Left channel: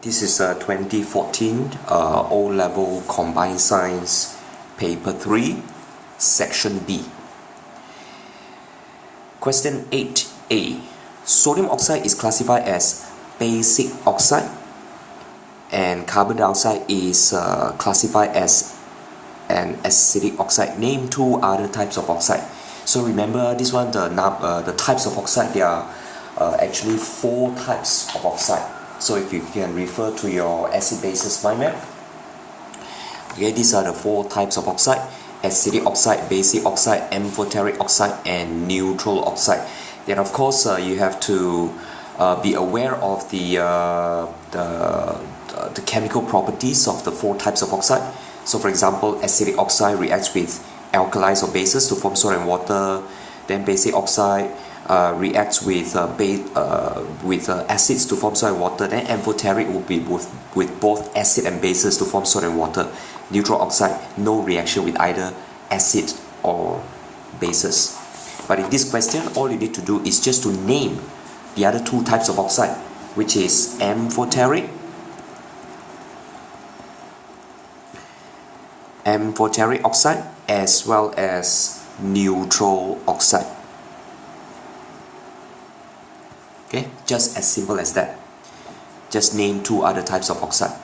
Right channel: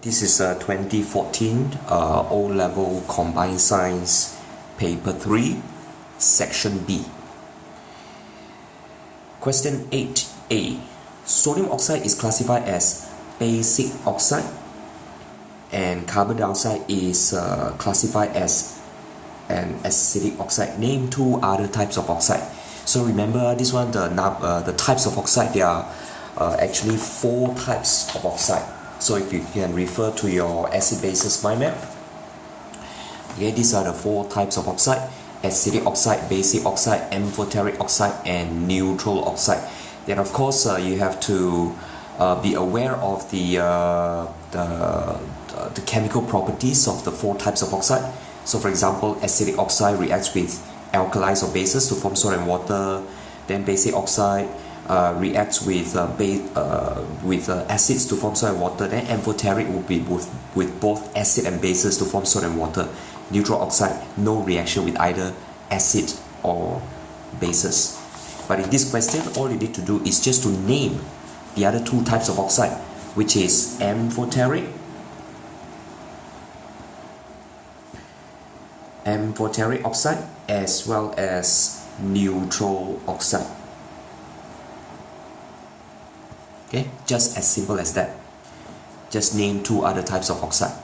This is 2014 O-Level Combined Science Paper 3, Section B. Question 8a. Sodium oxide is classified as basic oxide and carbon dioxide is classified as an acidic oxide. Name two other types of oxide. So remember this one, the types of oxide, there are actually four types of oxide. So if you can refer to your acid-bases mind map, okay, these are the four types of oxide: acidic oxide, basic oxide, amphoteric oxide, and neutral oxide. Then of course you have to be aware of the chemical properties of the four types of oxide. So for example, acidic oxide reacts with alkalis or bases to form salt and water. Then basic oxide reacts with acids to form salt and water. Then amphoteric will be with both acid and bases to form salt and water. Neutral oxide, no reaction with either acid or bases. But in this question, all you need to do is just to name the other two types of oxide, which is amphoteric oxide as well as neutral oxide. Okay, just as simple as that. Just name two other types of oxide.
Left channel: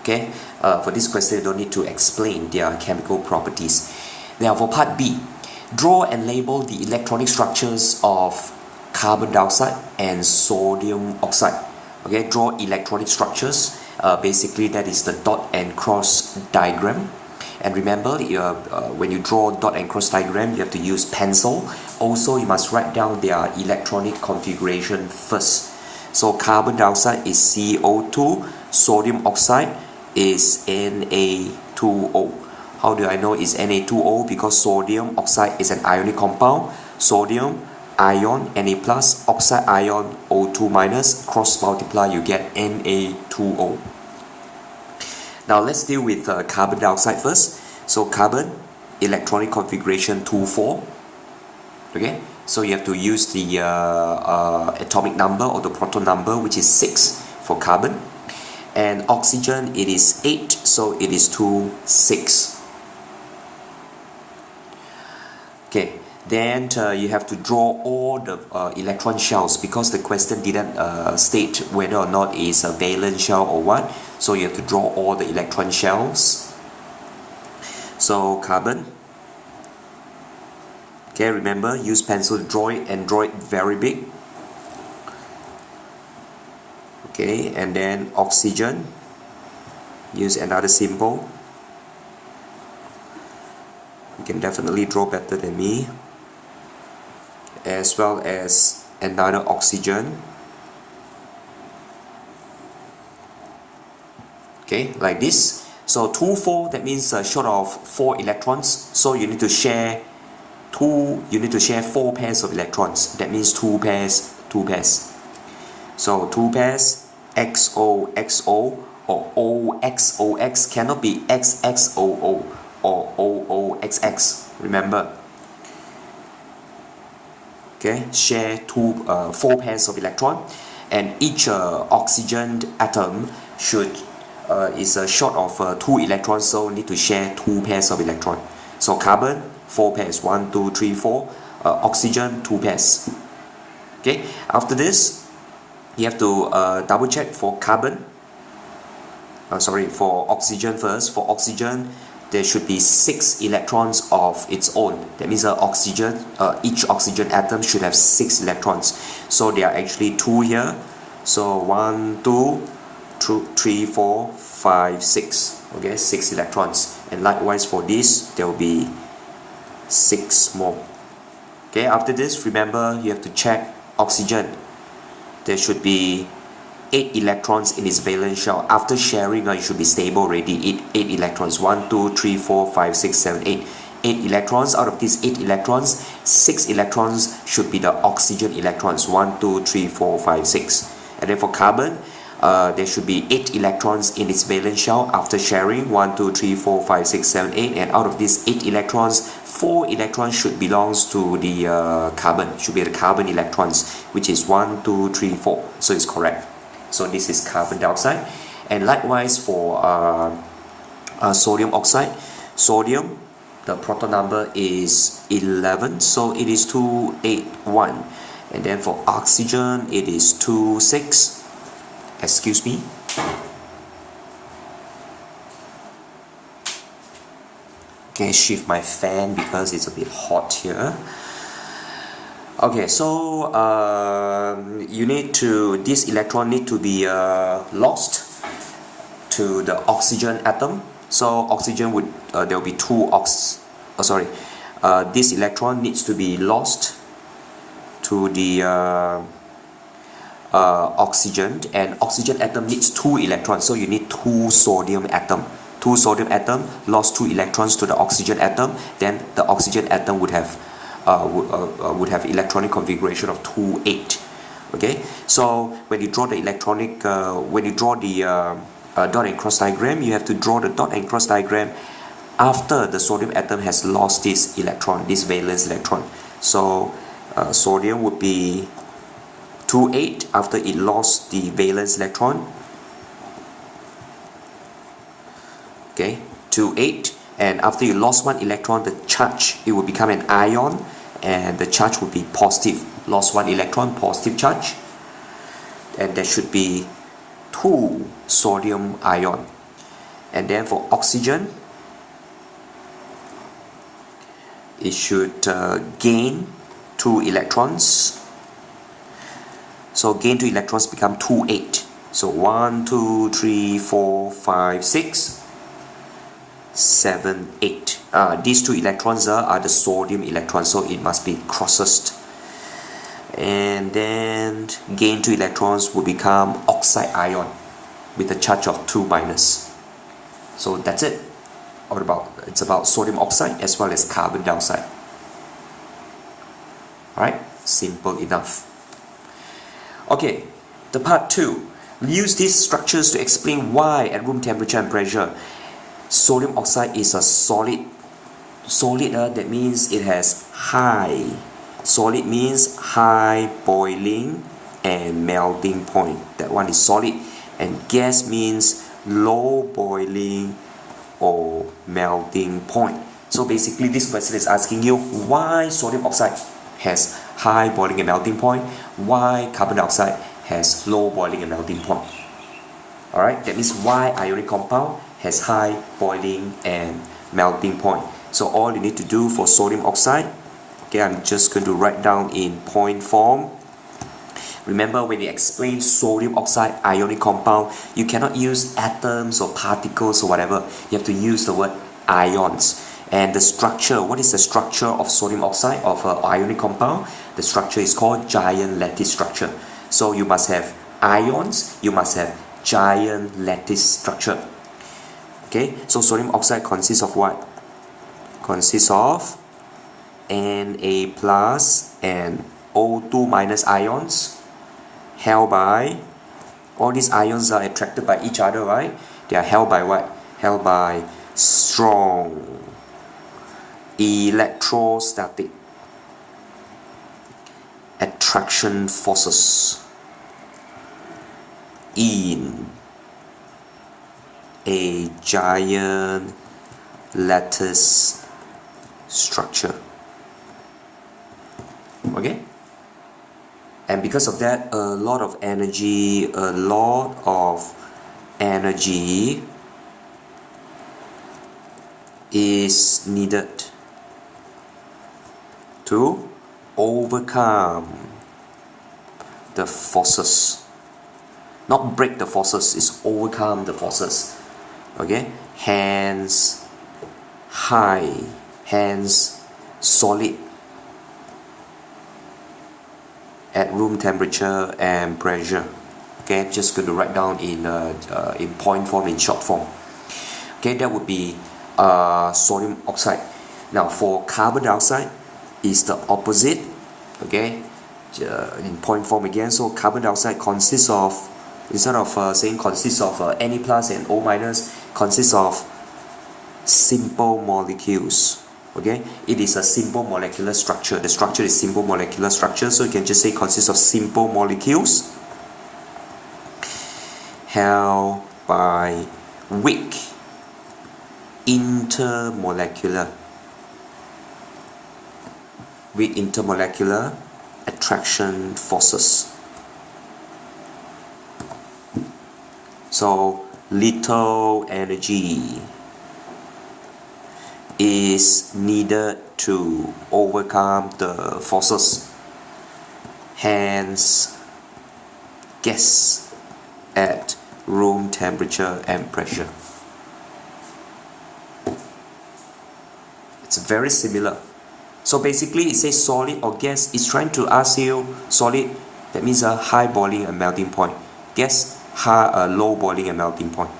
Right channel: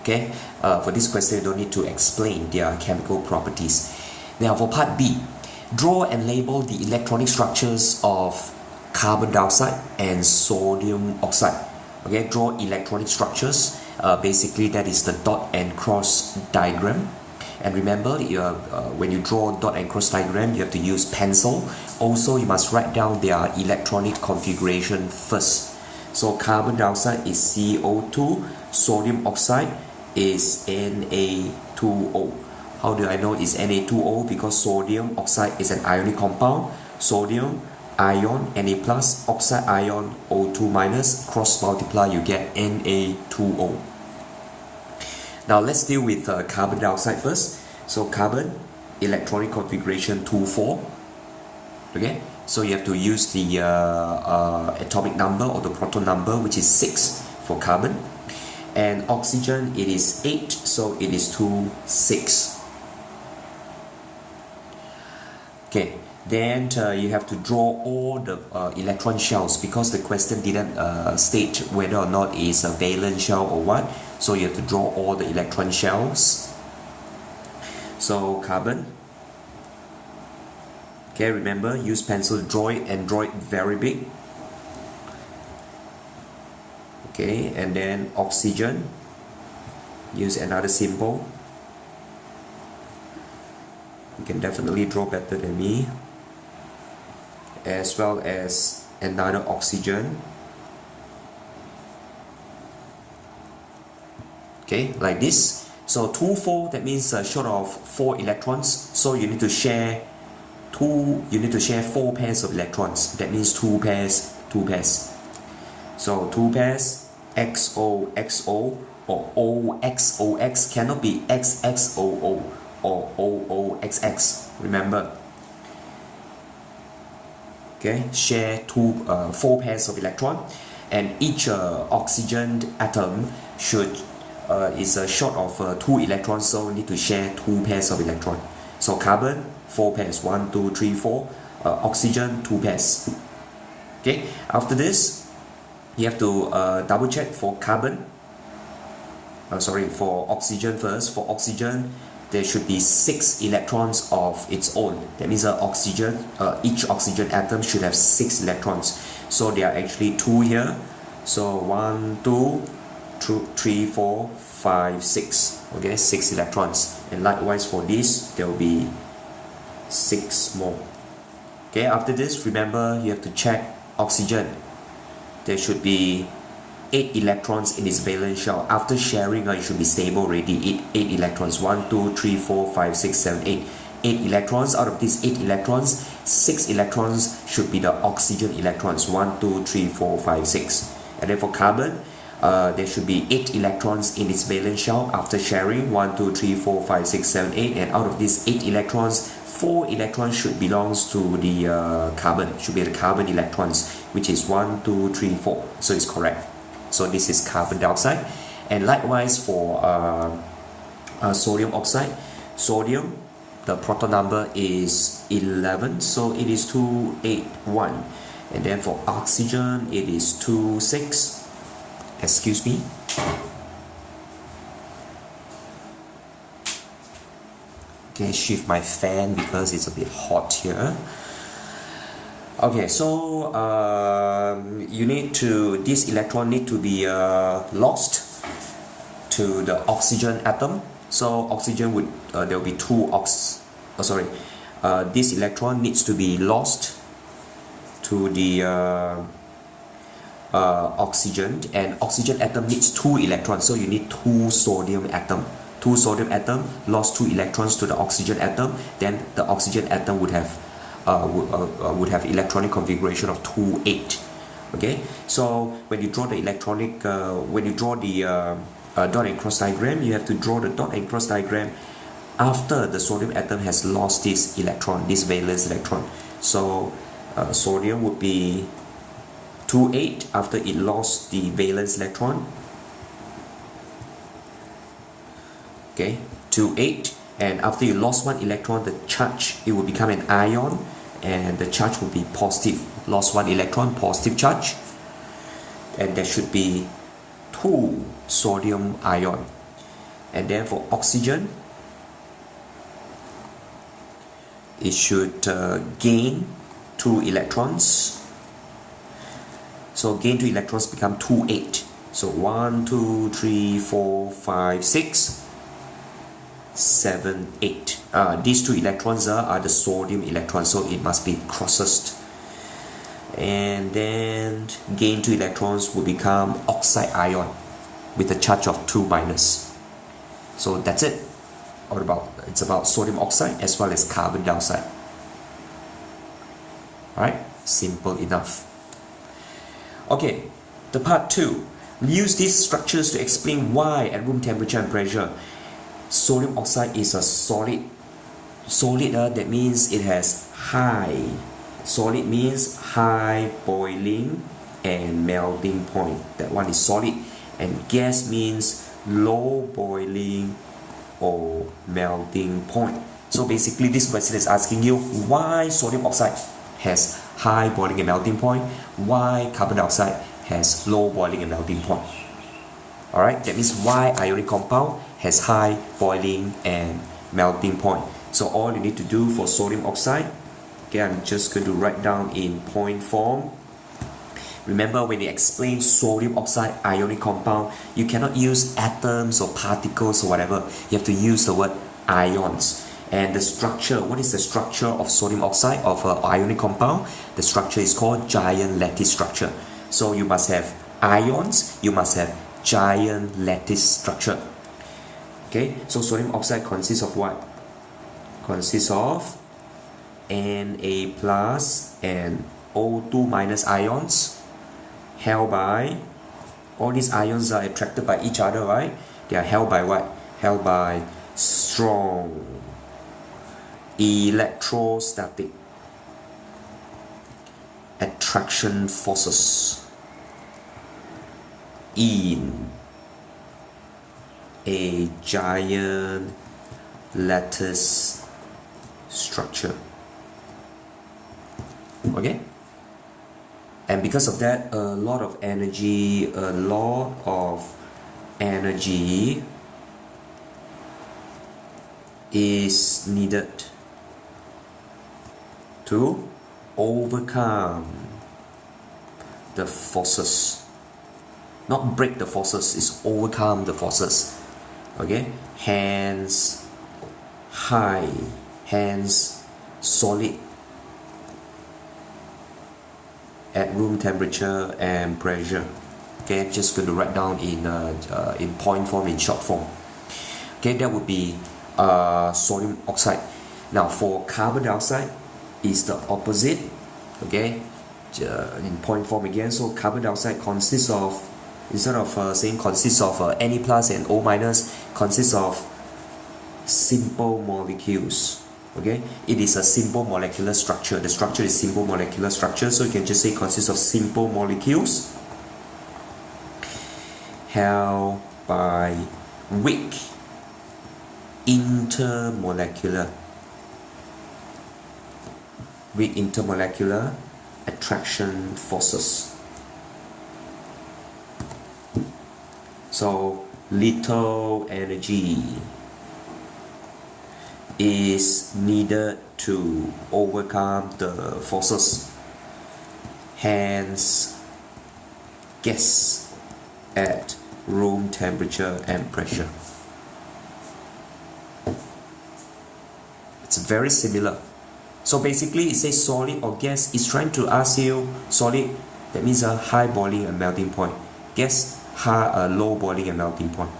Okay, for this question you don't need to explain their chemical properties. Now for part B, draw and label the electronic structures of carbon dioxide and sodium oxide. Okay, draw electronic structures. Basically that is the dot and cross diagram. And remember, when you draw dot and cross diagram, you have to use pencil. Also, you must write down their electronic configuration first. So carbon dioxide is CO2, sodium oxide is Na2O. How do I know it's Na2O? Because sodium oxide is an ionic compound. Sodium ion Na+, oxide ion O2-, cross multiply, you get Na2O. Now let's deal with carbon dioxide first. So carbon, electronic configuration 2,4. Okay, so you have to use the atomic number or the proton number, which is 6 for carbon. And oxygen, it is 8, so it is 2, 6. Okay, then you have to draw all the electron shells, because the question didn't state whether or not it's a valence shell or what. So you have to draw all the electron shells. So carbon. Okay, remember, use pencil, draw it and draw it very big. Okay, and then oxygen. Use another symbol. You can definitely draw better than me. As well as another oxygen. Okay, like this. So 2, 4, that means short of 4 electrons. So you need to share 4 pairs of electrons. That means 2 pairs, 2 pairs. So 2 pairs, XO, XO, or OXOX, cannot be XXOO or OOXX. Remember. Okay, share 4 pairs of electron, and each oxygen atom is short of 2 electrons, so need to share 2 pairs of electron. So carbon, 4 pairs, 1, 2, 3, 4. Oxygen, 2 pairs. Okay, after this, you have to double check for carbon. For oxygen first. For oxygen, there should be 6 electrons of its own. That means each oxygen atom should have 6 electrons. So there are actually 2 here. So 1, 2, 3, 4, 5, 6. Okay, 6 electrons. And likewise for this, there will be 6 more. Okay, after this, remember you have to check oxygen. There should be 8 electrons in its valence shell. After sharing, it should be stable already. 8 electrons. 1, 2, 3, 4, 5, 6, 7, 8. 8 electrons. Out of these 8 electrons, 6 electrons should be the oxygen electrons. 1, 2, 3, 4, 5, 6. And then for carbon, there should be 8 electrons in its valence shell. After sharing, 1, 2, 3, 4, 5, 6, 7, 8. And out of these 8 electrons, 4 electrons should belong to the carbon. Should be the carbon electrons, which is 1, 2, 3, 4. So it's correct. So this is carbon dioxide. And likewise for sodium oxide, sodium, the proton number is 11, so it is 281. And then for oxygen, it is 26. Excuse me. Okay, shift my fan because it's a bit hot here. Okay, so this electron need to be lost to the oxygen atom. So oxygen would there will be this electron needs to be lost to the oxygen, and oxygen atom needs 2 electrons, so you need 2 sodium atom. 2 sodium atom lost 2 electrons to the oxygen atom, then the oxygen atom would have electronic configuration of 2 8. Okay, so when you draw the dot and cross diagram, you have to draw the dot and cross diagram after the sodium atom has lost this electron, this valence electron. So sodium would be 2 8 after it lost the valence electron. Okay, 2 8, and after you lost 1 electron, the charge, it will become an ion, and the charge will be positive. Lost 1 electron, positive charge, and there should be 2 sodium ion. And then for oxygen, it should gain 2 electrons. So gain 2 electrons become 2 8. So 1 2 3 4 5 6 7 8. These 2 electrons are the sodium electrons, so it must be crosses. And then gain 2 electrons will become oxide ion with a charge of 2 minus. So that's it. It's about sodium oxide as well as carbon dioxide. Alright, simple enough. Okay, the part 2. Use these structures to explain why at room temperature and pressure sodium oxide is a solid. Solid, that means it has high. Solid means high boiling and melting point. That one is solid. And gas means low boiling or melting point. So basically this question is asking you why sodium oxide has high boiling and melting point, why carbon dioxide has low boiling and melting point. Alright, that means why ionic compound has high boiling and melting point. So all you need to do for sodium oxide, okay, I'm just going to write down in point form. Remember, when you explain sodium oxide ionic compound, you cannot use atoms or particles or whatever. You have to use the word ions. And the structure, what is the structure of sodium oxide of an ionic compound? The structure is called giant lattice structure. So you must have ions, you must have giant lattice structure. Okay, so sodium oxide consists of what? Consists of Na plus and O2 minus ions held by, all these ions are attracted by each other, right? They are held by what? Held by strong electrostatic attraction forces in a giant lattice structure. Okay? And because of that, a lot of energy is needed to overcome the forces. Not break the forces, it's overcome the forces. Okay? Hence solid at room temperature and pressure. Okay, just going to write down in point form, in short form. Okay, that would be sodium oxide. Now for carbon dioxide is the opposite. Okay, in point form again. So carbon dioxide consists of, instead of saying consists of Na plus and O minus, consists of simple molecules. Okay, it is a simple molecular structure. The structure is simple molecular structure, so you can just say consists of simple molecules. held by weak intermolecular attraction forces. So little energy is needed to overcome the forces. Hence, gas at room temperature and pressure. It's very similar. So basically it says solid or gas. It's trying to ask you solid, that means a high boiling and melting point. Gas, low boiling and melting point.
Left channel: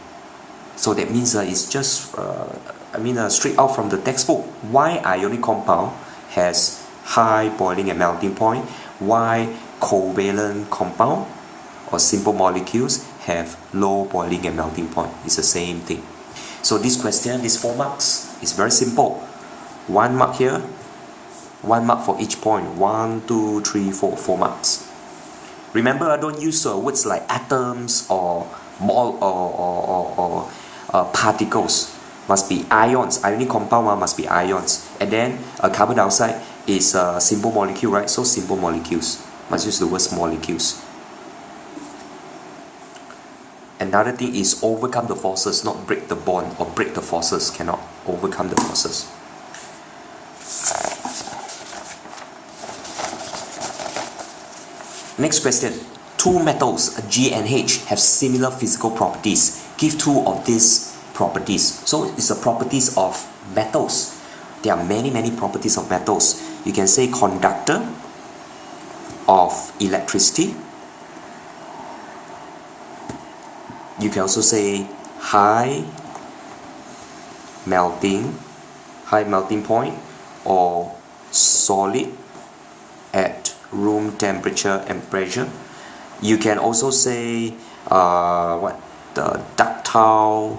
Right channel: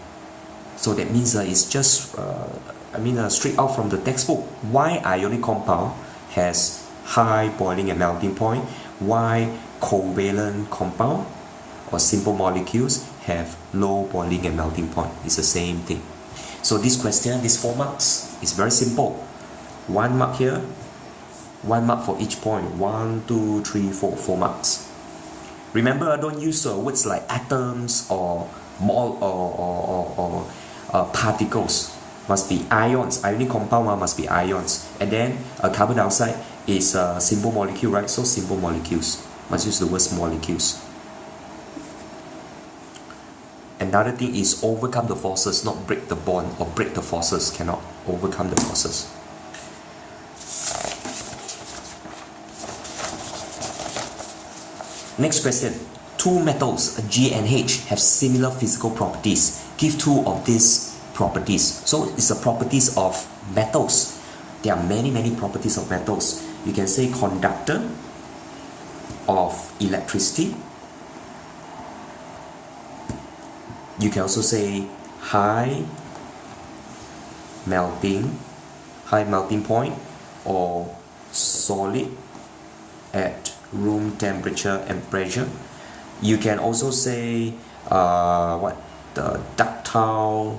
So that means it's just straight out from the textbook. Why ionic compound has high boiling and melting point? Why covalent compound or simple molecules have low boiling and melting point? It's the same thing. So this question, this 4 marks, is very simple. 1 mark here, 1 mark for each point. 1, 2, 3, 4, 4 marks. Remember, I don't use words like atoms or mole or particles. Must be ions. Ionic compound must be ions. And then carbon dioxide is a simple molecule, right? So simple molecules. Must use the words molecules. Another thing is overcome the forces, not break the bond or break the forces. Cannot overcome the forces. Next question. 2 metals, G and H, have similar physical properties. Give 2 of these properties. So it's the properties of metals. There are many properties of metals. You can say conductor of electricity. You can also say high melting point, or solid at room temperature and pressure. You can also say the ductile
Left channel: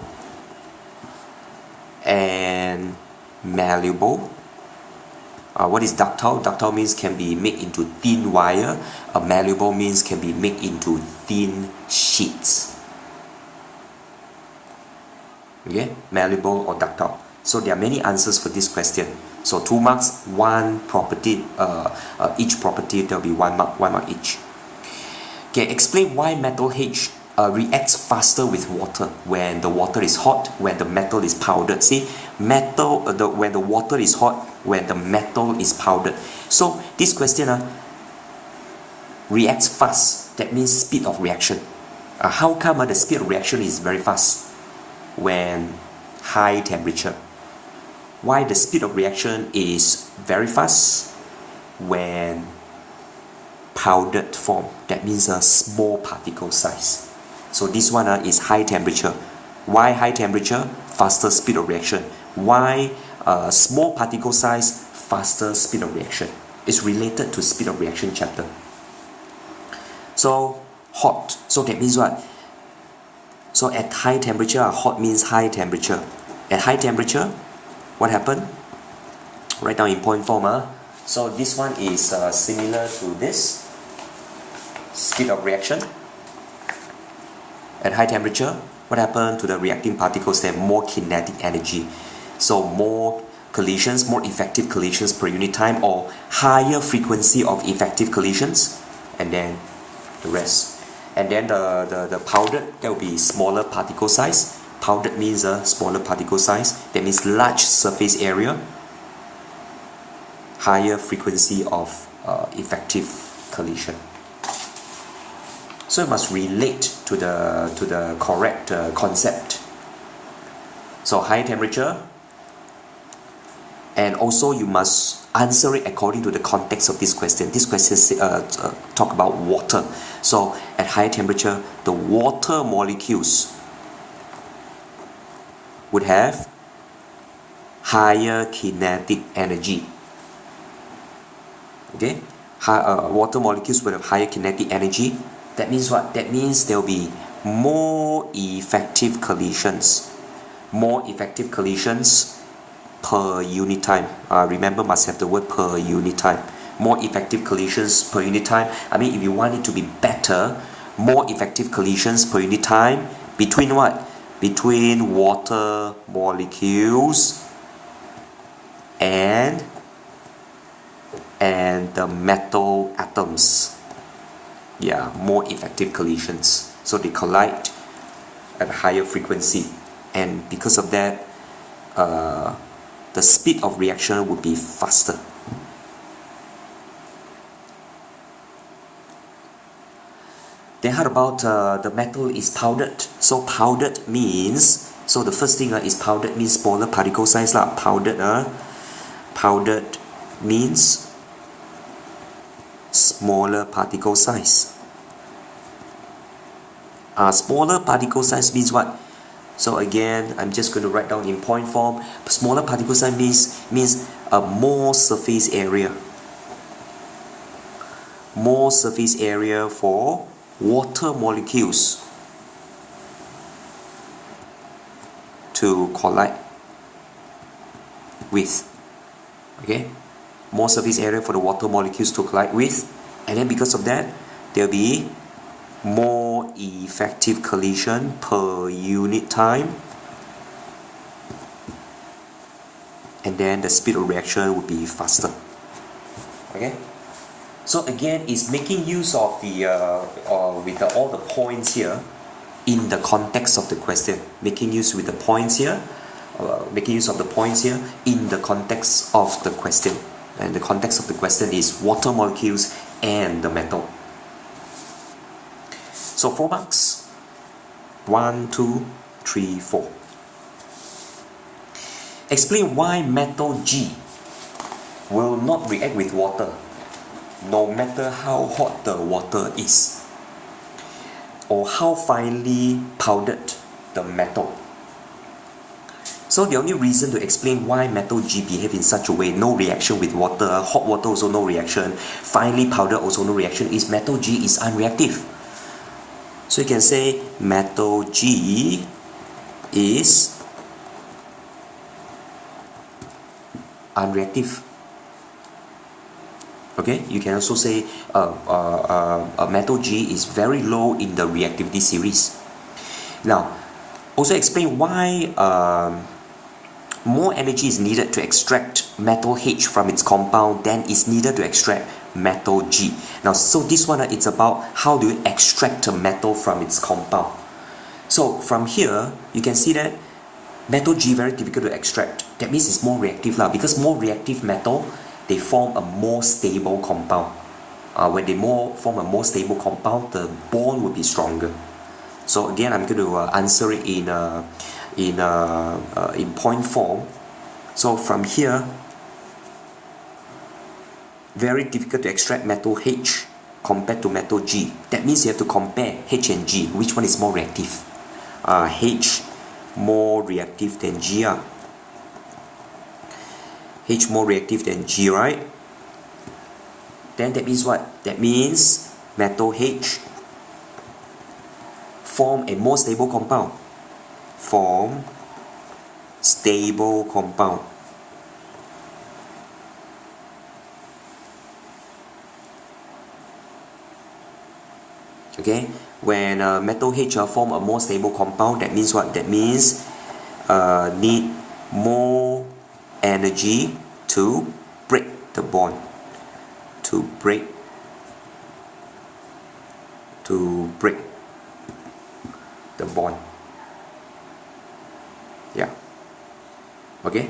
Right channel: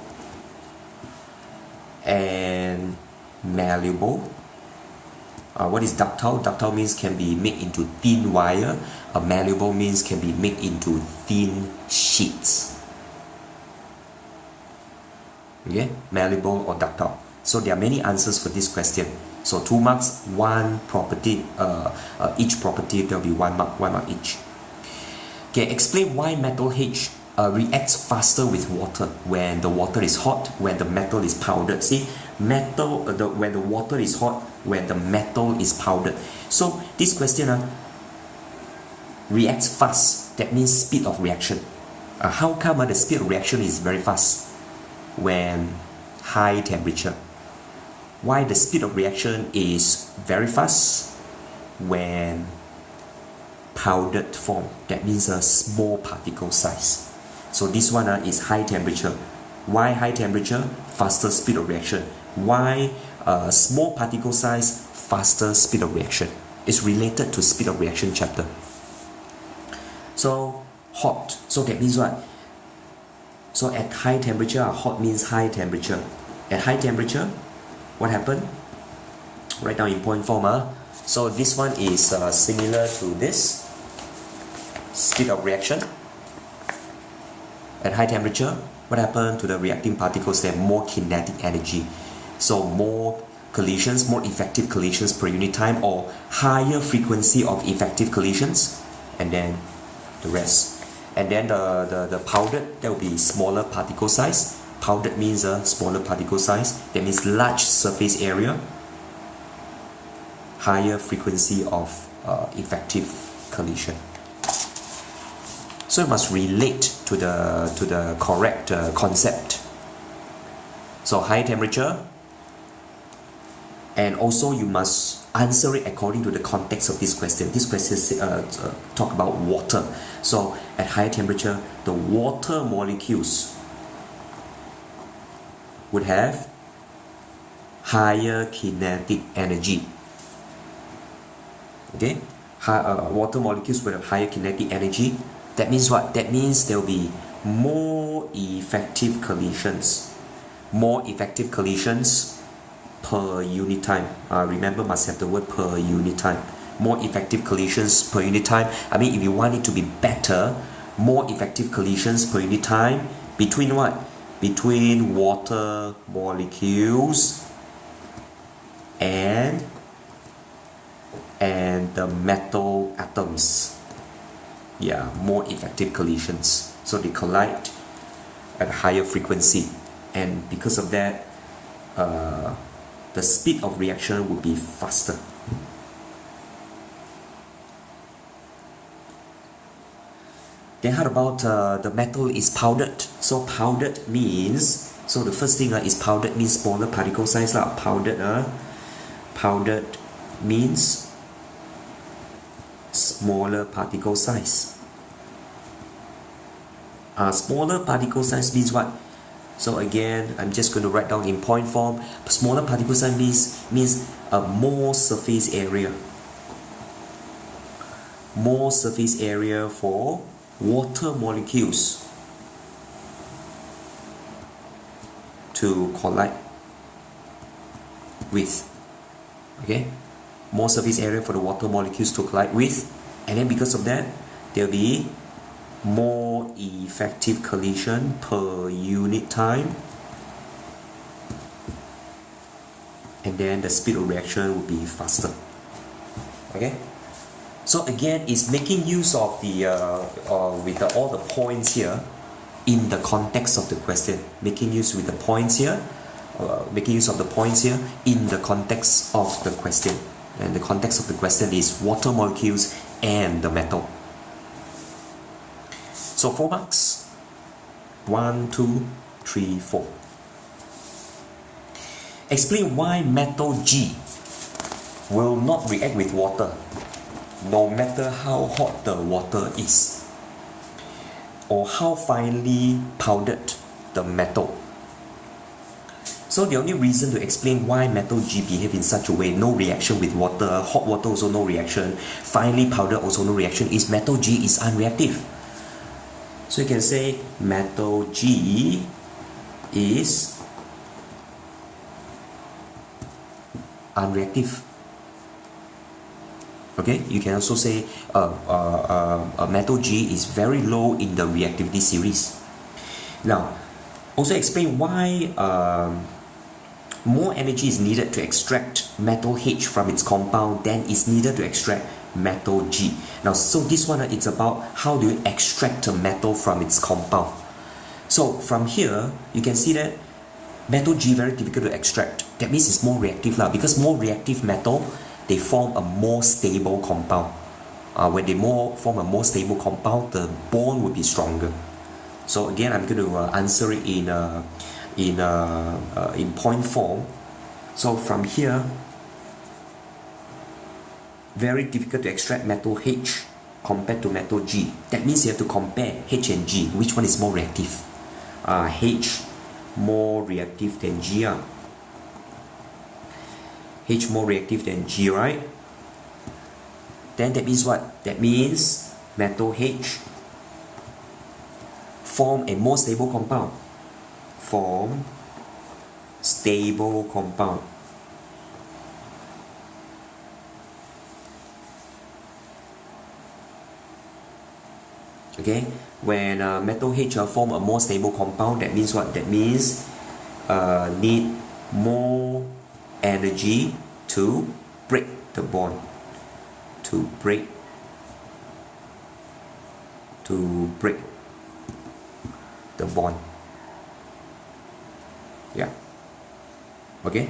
and malleable. What is ductile? Ductile means can be made into thin wire. Malleable means can be made into thin sheets. Okay, malleable or ductile. So there are many answers for this question. So 2 marks, 1 property, each property there will be 1 mark each. Okay, explain why metal H reacts faster with water when the water is hot, when the metal is powdered. See, when the water is hot, when the metal is powdered. So this question reacts fast. That means speed of reaction. How come the speed of reaction is very fast when high temperature? Why the speed of reaction is very fast when powdered form? That means a small particle size. So this one is high temperature. Why high temperature? Faster speed of reaction. Why small particle size? Faster speed of reaction. It's related to speed of reaction chapter. So hot. So that means what? So at high temperature, hot means high temperature. At high temperature, what happened? Write down in point form. So this one is similar to this. Speed of reaction. At high temperature, what happened to the reacting particles? They have more kinetic energy. So more collisions, more effective collisions per unit time, or higher frequency of effective collisions, and then the rest. And then the powdered, that will be smaller particle size. Powdered means a smaller particle size. That means large surface area, higher frequency of effective collision. So you must relate to the correct concept. So high temperature, and also you must answer it according to the context of this question. This question talk about water. So at high temperature, the water molecules would have higher kinetic energy. Okay, water molecules would have higher kinetic energy. That means what? That means there will be more effective collisions. More effective collisions per unit time. Remember, must have the word per unit time. More effective collisions per unit time. I mean, if you want it to be better, more effective collisions per unit time between what? Between water molecules and the metal atoms. Yeah, more effective collisions. So they collide at a higher frequency, and because of that, the speed of reaction would be faster. Then how about the metal is powdered? So powdered means, so the first thing is powdered means smaller particle size lah. Powdered means smaller particle size. Smaller particle size means what? So again, I'm just going to write down in point form. Smaller particle size means more surface area. More surface area for water molecules to collide with. Okay, more surface area for the water molecules to collide with, and then because of that, there'll be more effective collision per unit time, and then the speed of reaction will be faster. Okay, so again, it's making use of the all the points here in the context of the question. Making use with the points here, making use of the points here in the context of the question, and the context of the question is water molecules and the metal. So 4 marks. 1, 2, 3, 4. Explain why metal G will not react with water no matter how hot the water is, or how finely powdered the metal. So the only reason to explain why metal G behave in such a way, no reaction with water, hot water also no reaction, finely powdered also no reaction, is metal G is unreactive. So you can say metal G is unreactive. Okay, you can also say metal G is very low in the reactivity series. Now, also explain why more energy is needed to extract metal H from its compound than is needed to extract metal G. Now, so this one, it's about how do you extract a metal from its compound. So from here, you can see that metal G very difficult to extract. That means it's more reactive lah, because more reactive metal, they form a more stable compound. When they form a more stable compound, the bond will be stronger. So again, I'm going to answer it in point form. So from here, very difficult to extract metal H compared to metal G. That means you have to compare H and G. Which one is more reactive? H more reactive than G. H more reactive than G, right? Then that means what? That means metal H form a more stable compound. Form stable compound. Okay, when metal H form a more stable compound, that means what? That means need more energy to break the bond. To break the bond. Yeah. Okay.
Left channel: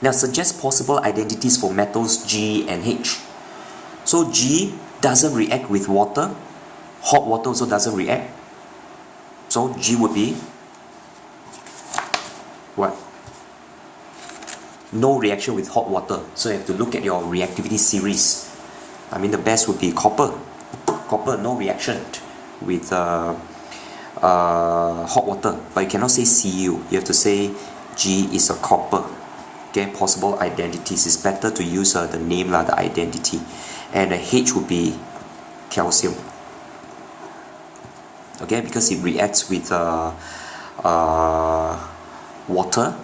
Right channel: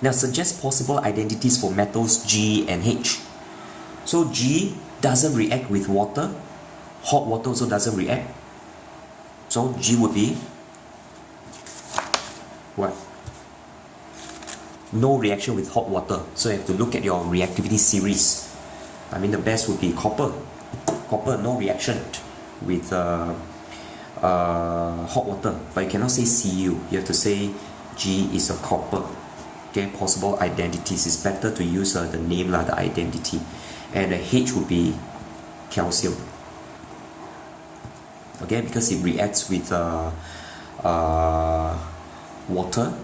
Now suggest possible identities for metals G and H. So G doesn't react with water. Hot water also doesn't react. So G would be what? No reaction with hot water. So you have to look at your reactivity series. I mean, the best would be copper. Copper, no reaction with hot water. But you cannot say Cu. You have to say G is a copper. Okay, possible identities. It's better to use the name, the identity. And the H would be calcium. Okay, because it reacts with water.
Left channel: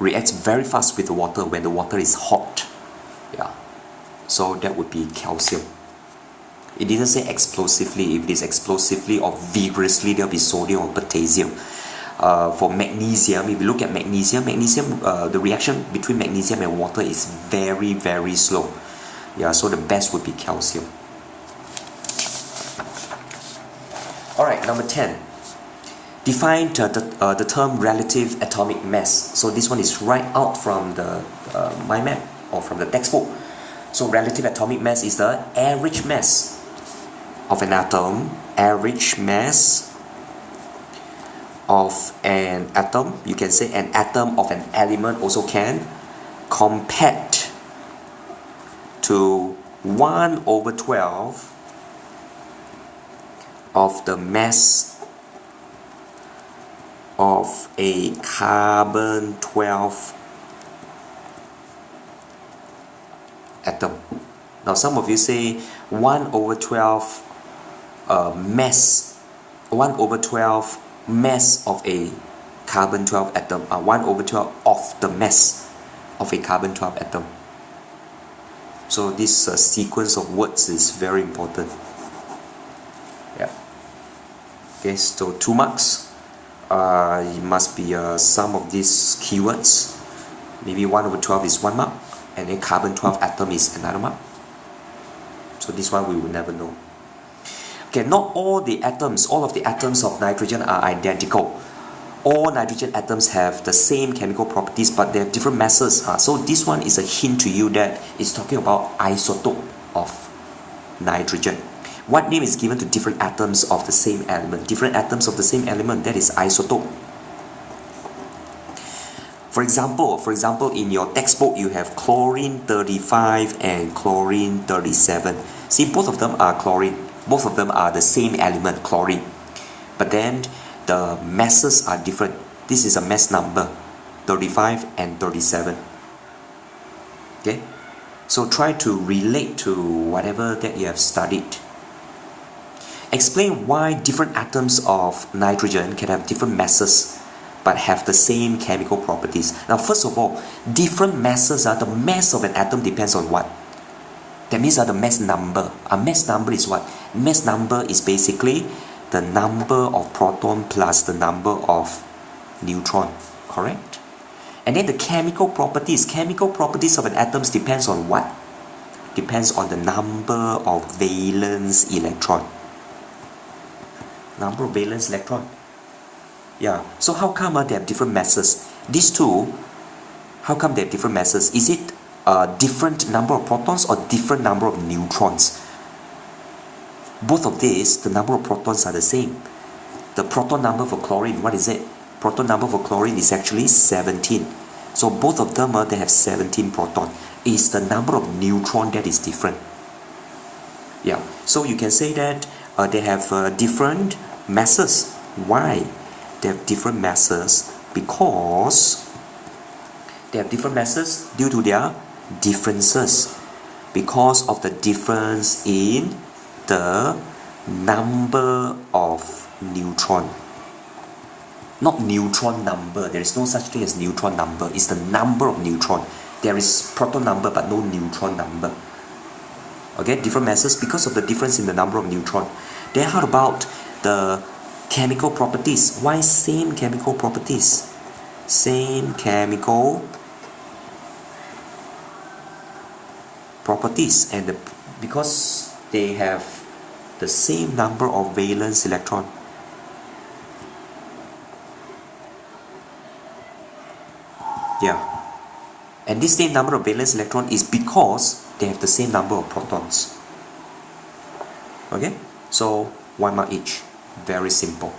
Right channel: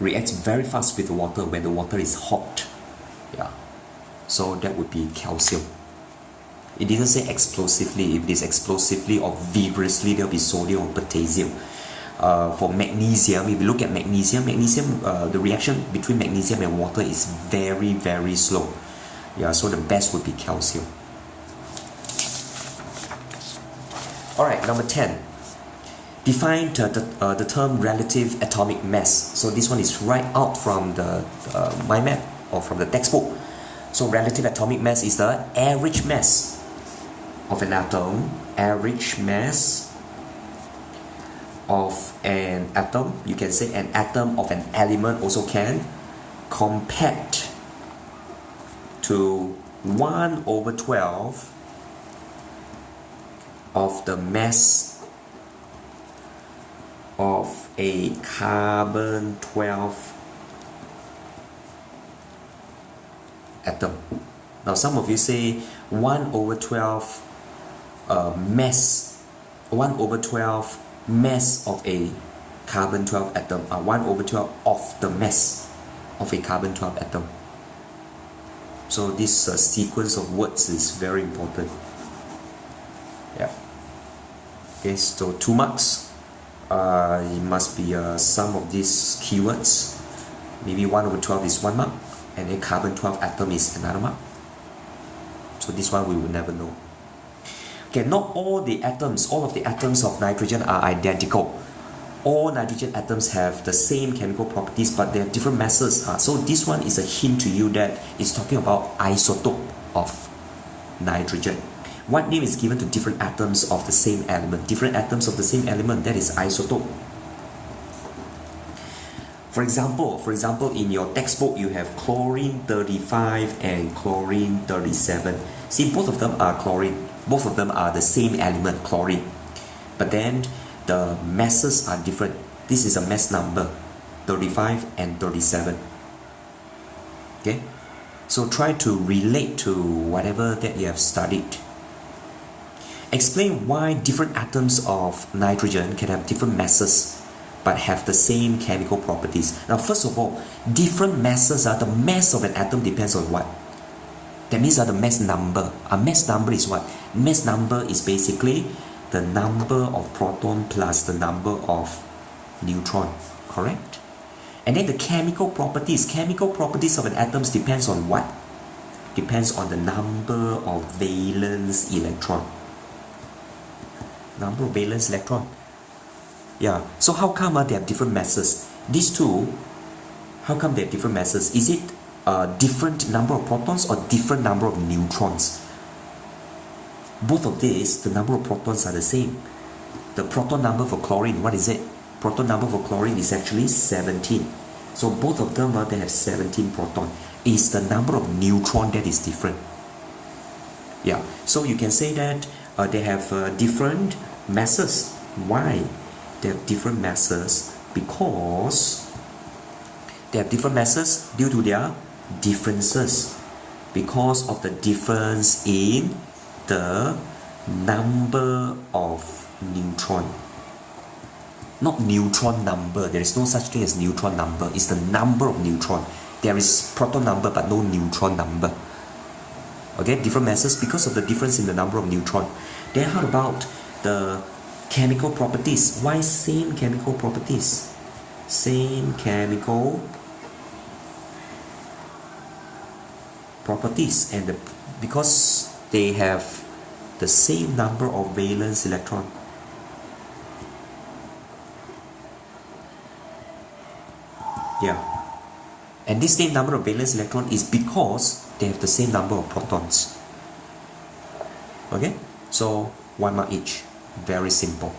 Reacts very fast with the water when the water is hot. Yeah. So that would be calcium. It didn't say explosively. If it is explosively or vigorously, there will be sodium or potassium. For magnesium, if you look at magnesium, the reaction between magnesium and water is very, very slow. Yeah, so the best would be calcium. Alright, number 10. Define the term relative atomic mass. So this one is right out from the mind map or from the textbook. So relative atomic mass is the average mass of an atom, average mass of an atom. You can say an atom of an element also can, compared to 1/12 of the mass of a carbon-12 atom. Now some of you say 1/12 mass, 1/12 mass of a carbon-12 atom, 1/12 of the mass of a carbon-12 atom. So this sequence of words is very important. Yeah. Okay, so 2 marks. It must be some of these keywords. Maybe 1/12 is 1 mark, and then carbon-12 atom is another mark. So this one we will never know. Okay, not all the atoms, all of the atoms of nitrogen are identical. All nitrogen atoms have the same chemical properties, but they have different masses. So this one is a hint to you that it's talking about isotope of nitrogen. What name is given to different atoms of the same element? Different atoms of the same element, that is isotope. For example, in your textbook you have chlorine 35 and chlorine 37. See, both of them are chlorine. Both of them are the same element, chlorine. But then the masses are different. This is a mass number, 35 and 37. Okay? So try to relate to whatever that you have studied. Explain why different atoms of nitrogen can have different masses but have the same chemical properties. Now first of all, different masses, the mass of an atom depends on what? That means the mass number. A mass number is what? Mass number is basically the number of proton plus the number of neutron, correct? And then the chemical properties of an atom depends on what? Depends on the number of valence electron. Number of valence electron. Yeah, so how come they have different masses? These two, how come they have different masses? Is it a different number of protons or different number of neutrons? Both of these, the number of protons are the same. The proton number for chlorine, what is it? Proton number for chlorine is actually 17. So both of them, they have 17 proton. It's the number of neutron that is different. Yeah, so you can say that they have different masses. Why? They have different masses because they have different masses due to their differences. Because of the difference in the number of neutron. Not neutron number. There is no such thing as neutron number. It's the number of neutron. There is proton number but no neutron number. Okay, different masses because of the difference in the number of neutron. Then how about the chemical properties? Why same chemical properties? Same chemical properties, and because they have the same number of valence electron. Yeah, and this same number of valence electron is because they have the same number of protons. Okay, so 1 mark each. Very simple.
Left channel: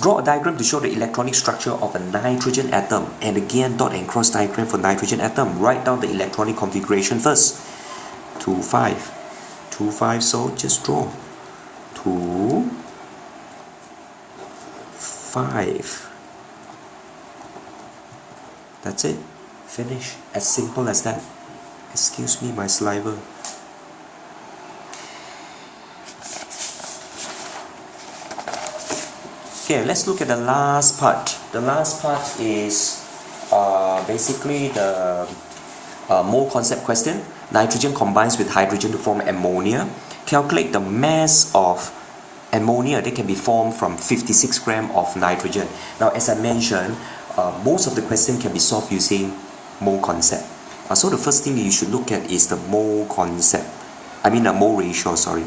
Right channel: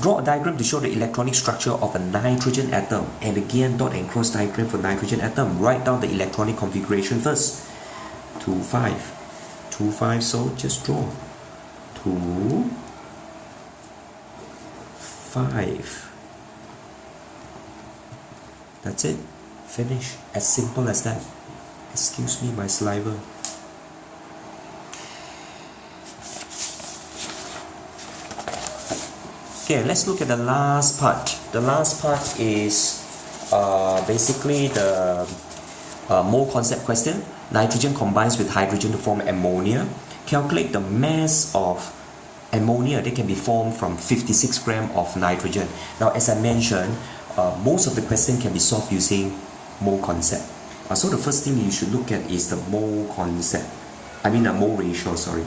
Draw a diagram to show the electronic structure of a nitrogen atom. And again, dot and cross diagram for nitrogen atom. Write down the electronic configuration first. 2, 5. 2, 5, so just draw. 2, 5. That's it. Finish. As simple as that. Excuse me, my saliva. Okay, let's look at the last part. The last part is basically the mole concept question. Nitrogen combines with hydrogen to form ammonia. calculate the mass of ammonia that can be formed from 56 grams of nitrogen. Now, as I mentioned, most of the question can be solved using mole concept. So the first thing you should look at is the mole concept. Mole ratio, sorry.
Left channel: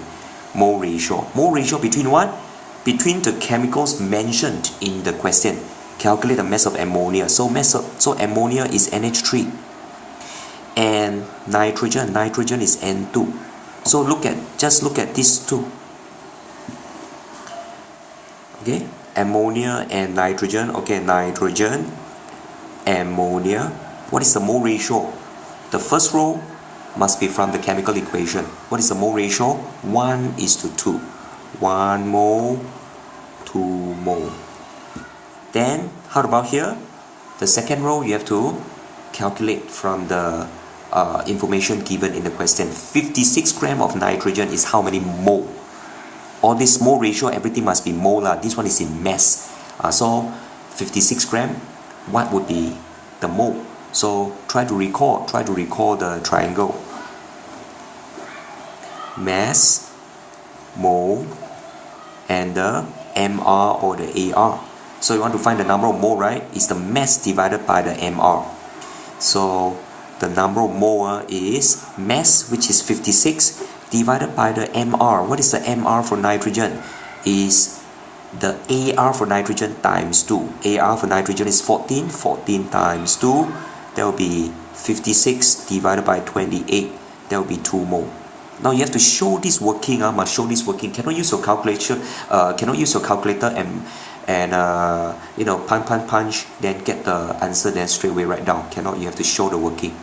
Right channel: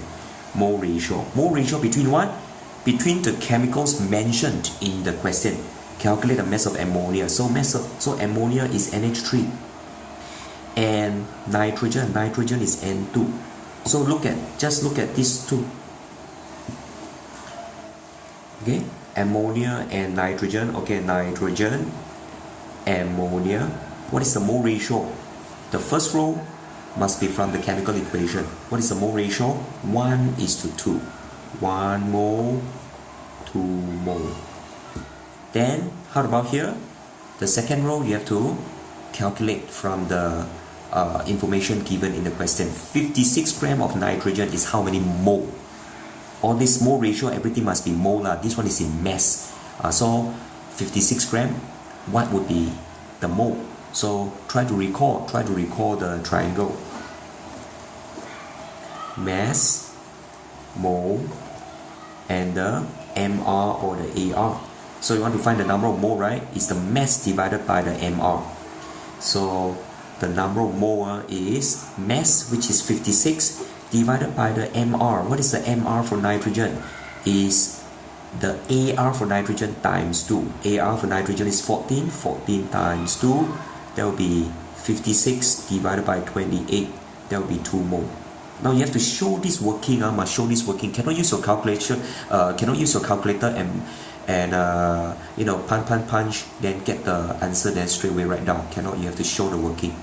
Mole ratio. Mole ratio between what? Between the chemicals mentioned in the question. Calculate the mass of ammonia. So ammonia is NH3. And nitrogen is N2. So just look at these two. Okay, ammonia and nitrogen. Okay, nitrogen, ammonia. What is the mole ratio? The first row must be from the chemical equation. What is the mole ratio? 1:2. 1 mole, 2 mole. Then, how about here? The second row, you have to calculate from the information given in the question. 56 grams of nitrogen is how many mole? All this mole ratio, everything must be molar. This one is in mass. So 56 grams, what would be the mole? So try to recall the triangle. Mass, mole, and the MR or the AR. So you want to find the number of mole, right? It's the mass divided by the MR. So the number of mole is mass, which is 56, divided by the MR. What is the MR for nitrogen? Is the AR for nitrogen times 2. AR for nitrogen is 14. 14 times 2, that will be 56 divided by 28. That will be 2 mole. Now you have to show this working. Must show this working. Cannot use your calculator. And punch, then get the answer, then straight away write down. Cannot. You have to show the working.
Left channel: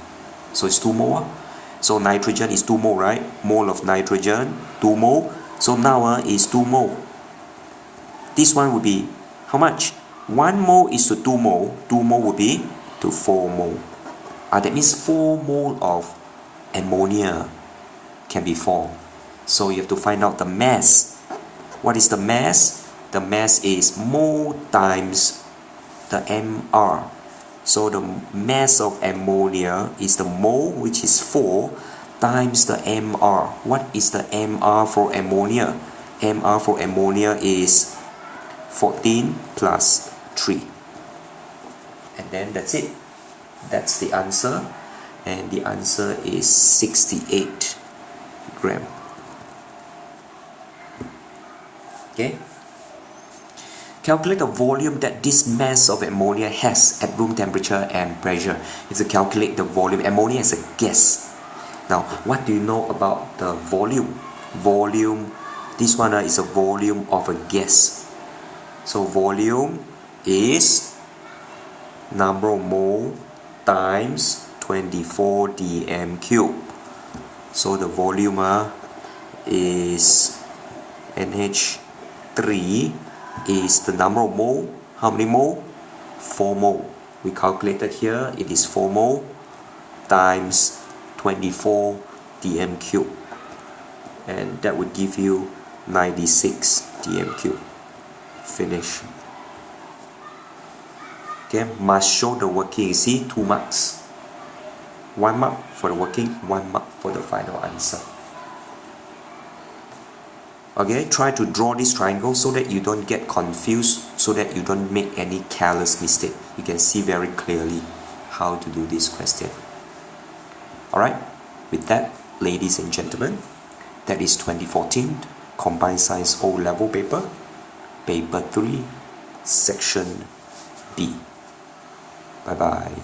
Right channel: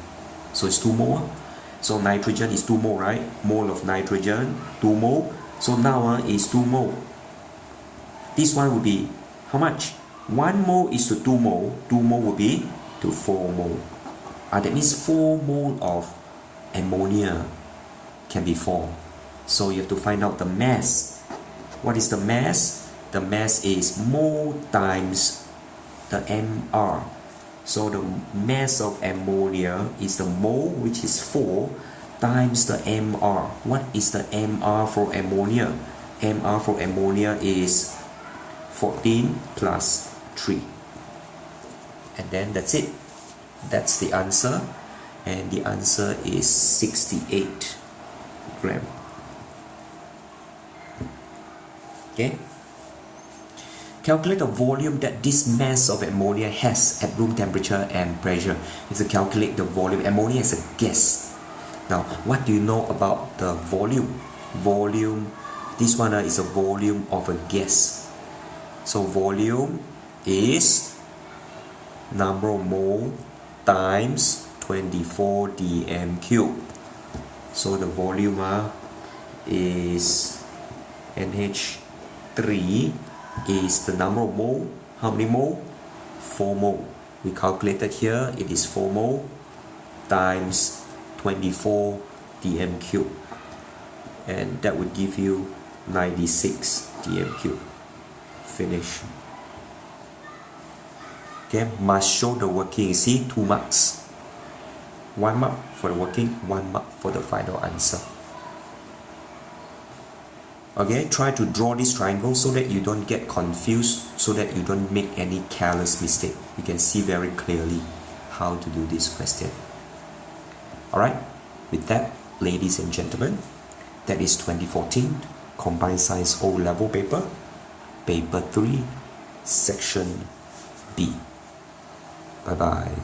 So it's 2 mole. So nitrogen is 2 mole, right? Mole of nitrogen, 2 mole. So now is 2 mole. This one would be how much? 1 mole is to 2 mole. 2 mole would be to 4 mole. That means 4 mole of ammonia can be formed. So you have to find out the mass. What is the mass? The mass is mole times the MR. So the mass of ammonia is the mole, which is 4, times the MR. What is the MR for ammonia? MR for ammonia is 14 plus 3. And then that's it. That's the answer. And the answer is 68 grams. Okay? Calculate the volume that this mass of ammonia has at room temperature and pressure. You have to calculate the volume. Ammonia is a gas. Now, what do you know about the volume? Volume, this one is a volume of a gas. So volume is number of mole times 24 dm cube. So the volume is NH3 is the number of mole. How many mole? 4 mole. We calculated here, it is 4 mole times 24 dm cube. And that would give you 96 dm cube. Finish. Okay, must show the working. You see, 2 marks. 1 mark for the working, 1 mark for the final answer. Okay, try to draw this triangle so that you don't get confused, so that you don't make any careless mistake. You can see very clearly how to do this question. Alright, with that, ladies and gentlemen, that is 2014 Combined Science O-Level paper, paper 3, section B. Bye-bye.